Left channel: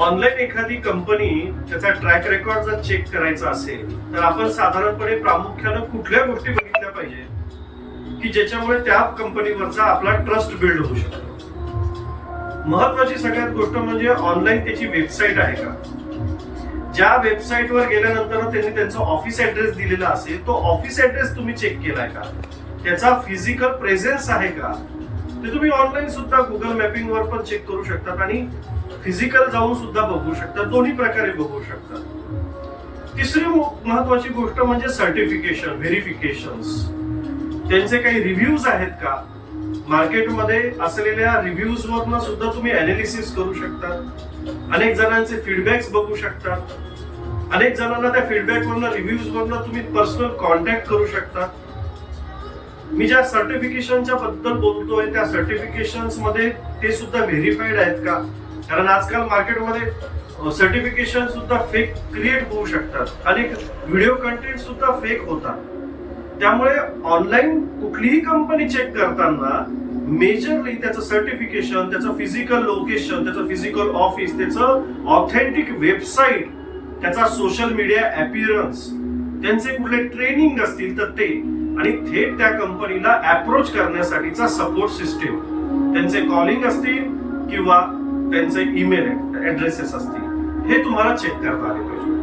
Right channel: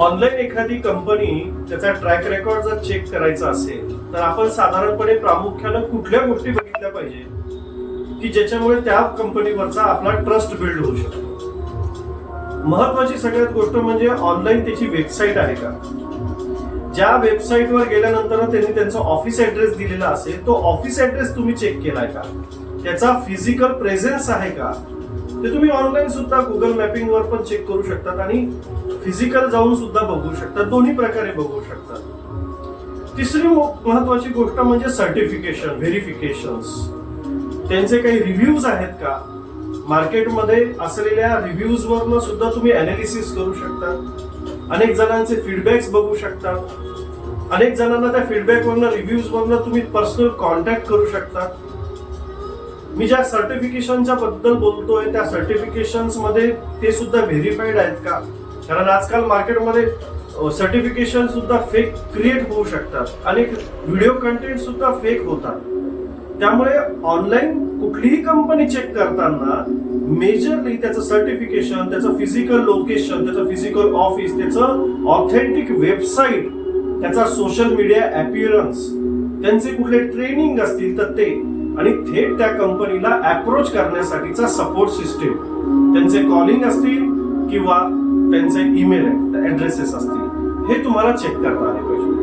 Online एखादी company त्याचा track record जर चेक करायचा असेल तर आपण साधारणपणे प्रामुख्यानं कुठल्या गोष्टी बघितल्या पाहिजे की ज्याच्यामुळे त्या कंपनीवरचा आपला ट्रस्ट बिल्ड होऊ शकतो. महत्वाची सगळ्यात गोष्ट म्हणजे ऑनलाईन त्याची वेबसाईट आहे का. ज्या वेबसाईटवर गेल्यानंतर त्यांनी त्यांचा ऑफिस ऍड्रेस दिलेला असेल तो ऑफिस ऍड्रेस तुम्ही चेक केलाय का, त्याचा फिजिकल प्रेझेन्स आहे का, ते तुम्ही ऑनलाईन सुद्धा गुगल मॅपिंग वर पण चेक करू शकतात आणि फिजिकल जाऊन सुद्धा बघू शकतात, दोन्ही प्रकारे बघू शकतात. तिसरी महत्वाची गोष्ट म्हणजे सर्टिफिकेशन, व्हेरिफिकेशन्स. त्यांचे काही रिव्ह्यूज आहेत का, मार्केटमध्ये असलेल्या रिव्ह्यूज वरनं सुद्धा तुम्ही अनालिसिस करू शकता. अनेक जणांचे फीडबॅक्स बघू शकता. अनेक जणांना त्या फीडबॅक वरनं, रिव्ह्यूज वरनं तुम्ही पर्सनल कॉन्टॅक्ट करू शकता. मी ज्या सर्टिफिकेशनच्या बद्दल बोलतोय त्या सर्टिफिकेशन्स मध्ये ते सुद्धा व्हेरीफाईड आहेत का, कारण आजकाल मार्केटमध्ये सर्टिफिकेशन सुद्धा फेक क्रिएट होऊ शकतात. अनेक व्हिडिओ कंटेंट सुद्धा फेक होतात. त्यामुळे ऑनलाईन कुठलीही कंपनी चेक करताना मेजरली त्याचं सर्टिफिकेशन, त्याचं फिजिकल लोकेशन, त्याचं फिजिकल ऑफिस, त्याचं ऑथेंटिक वेबसाईट, त्याचा सोशल मीडिया अपीअरन्स, त्यांचे कुठले ट्रेनिंग असतील तर ते, आणि थेट त्या कंपनीला अप्रोच करण्यासाठीचा सपोर्ट सिस्टीम, त्यांचे कॉलिंग असतील किंवा त्यांचे ईमेल ऍड्रेसेस असतील, हे तुम्हाला चेक करता आले पाहिजे.